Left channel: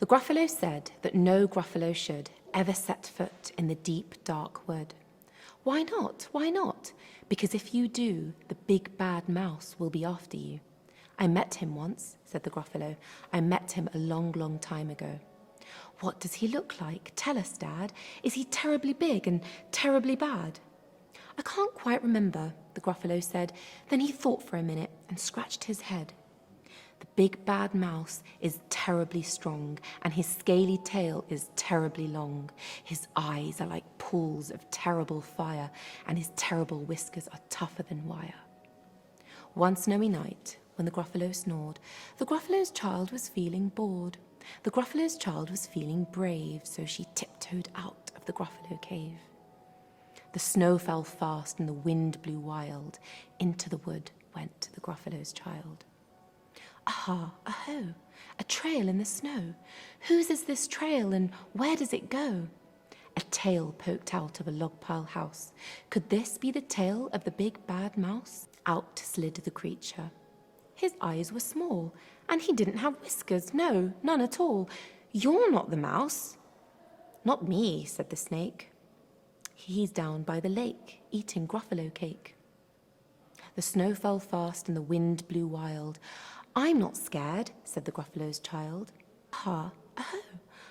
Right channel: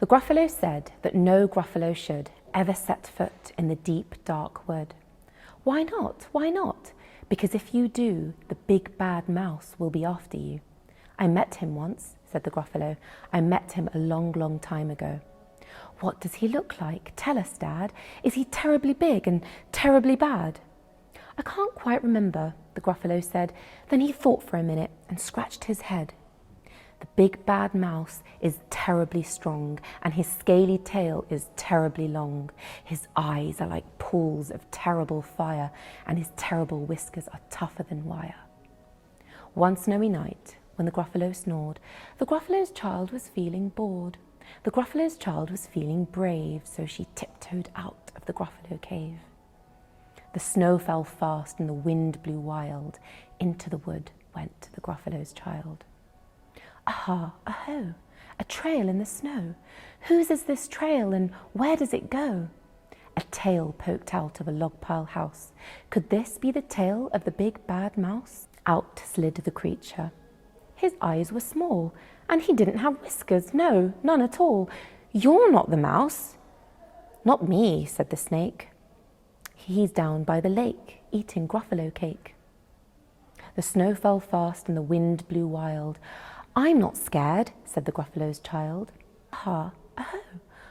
The Gruffalo said that no Gruffalo should ever set foot in the deep, dark wood. Why not? Why not? Because if you do, the big bad mouse will be after you. I met him once, said the Gruffalo. I met him a long, long time ago. What does he look like? Tell us, Dad. Is he terribly big and terribly bad? I can't quite remember, the Gruffalo said. Then he thought for a minute and scratched his head. The big bad mouse is terribly strong, and his scaly tail is terribly long. His eyes are like pools of terrible fire, and his terrible whiskers are tougher than wire. One snowy night, when the Gruffalo snored, the Gruffalo's child was feeling bored. The Gruffalo's child was feeling brave, so she tiptoed out of the Gruffalo cave. The snow fell fast and the wind blew wild. Into the wood went the Gruffalo's child. Aha, aho, a trail in the snow. Whose is this trail and where does it go? A tail poked out of a log pile house. Could this be the tail of the big bad mouse? Out slid the creature. His eyes were small, and he didn't have whiskers, no, none at all. You're not the mouse. Not me, said the snake. He's down by the lake, eating Gruffalo cake. The snow fell fast and the wind blew wild. I'm not scared, said the Gruffalo's child. Aha, aho,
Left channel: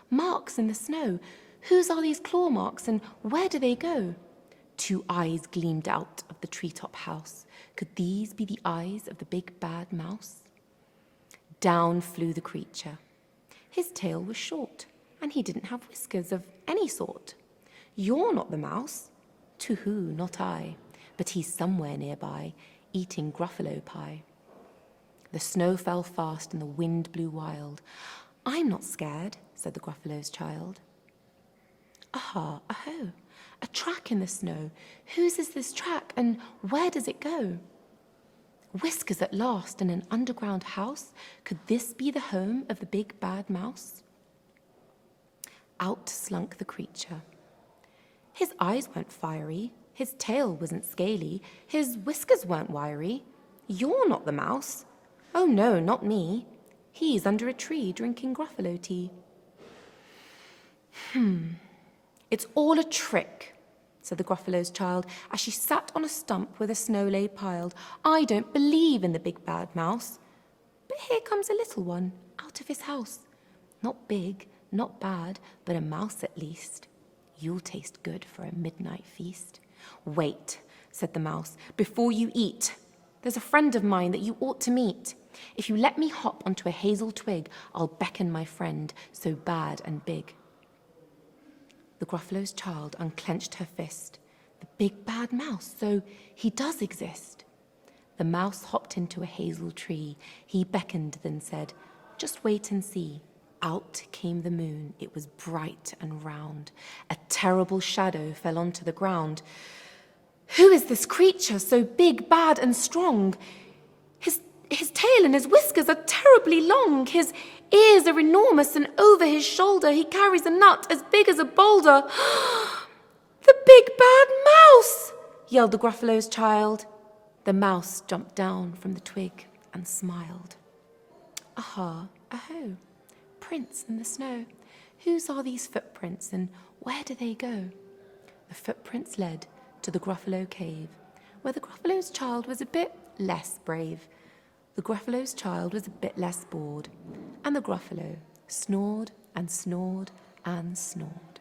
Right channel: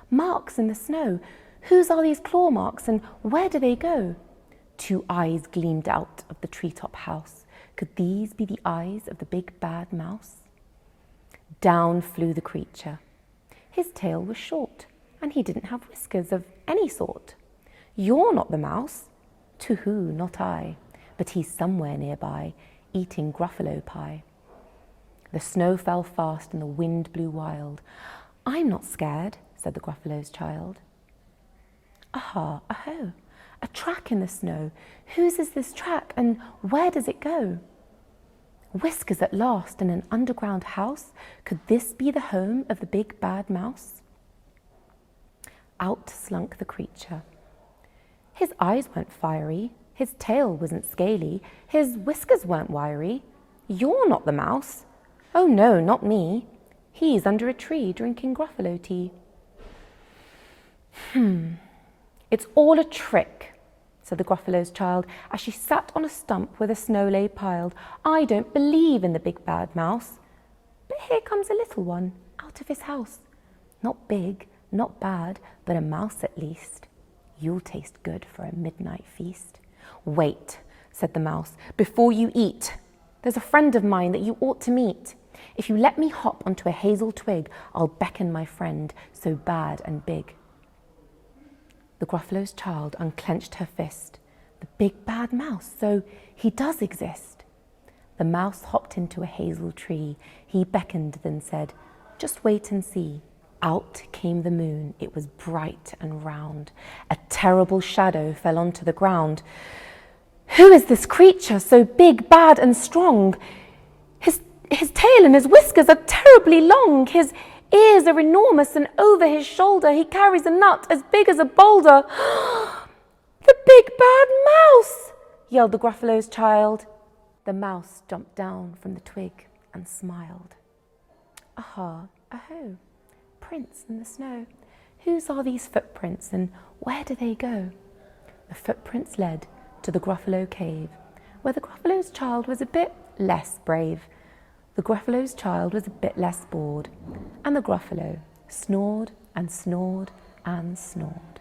marks in the snow. Whose are these claw marks and where do they go? Two eyes gleamed out of the treetop house. Could these be the eyes of the big bad mouse? Down flew the creature. His tail was short, and he didn't have whiskers of any sort. You're not the mouse. To who, not I, but he's somewhere nearby, eating Gruffalo pie. The snow fell fast and the wind blew wild. I'm not scared, said the Gruffalo's child. Aha, aho, a track in the snow. Whose is this track and where does it go? Whiskers at last in an underground house. Could this be the home of the big bad mouse? Out slunk the creature. His eyes weren't fiery, his tail wasn't scaly, his whiskers weren't wiry. You're not the mouse. Oh no, not me. He's under a tree drinking Gruffalo tea. It's all a trick, said the Gruffalo's child, as she sat on a stump where the snow lay piled. I don't believe in the big bad mouse. But here comes a little one out of his house. Not big, not bad, but a mouse at least. You'll taste good for a midnight feast. Wait, said the mouse, before you eat. There's a friend of mine that you ought to meet. If you let me hop onto a hazel twig, I'll beckon my friend, so bad and big. The Gruffalo's child unclenched her fist. The big bad mouse, so he does exist. The mouse hopped into a hazel tree. He beckoned, then said, just wait and see. Out came the moon. It was bright and round. A terrible shadow fell onto the ground. Who is this creature so big, bad and strong? His tail and his whiskers are terribly long. His ears are enormous, and over his shoulder he carries a nut as big as a boulder. The big bad mouse, yelled the Gruffalo's child. The mouse jumped down from the twig and smiled. Aha, aho, prints in the snow. Whose are these footprints and where do they go? The footprints led to the Gruffalo cave, where the Gruffalo's child was a bit less brave. The Gruffalo's child was a bit less bored, and the Gruffalo snored and snored and snored.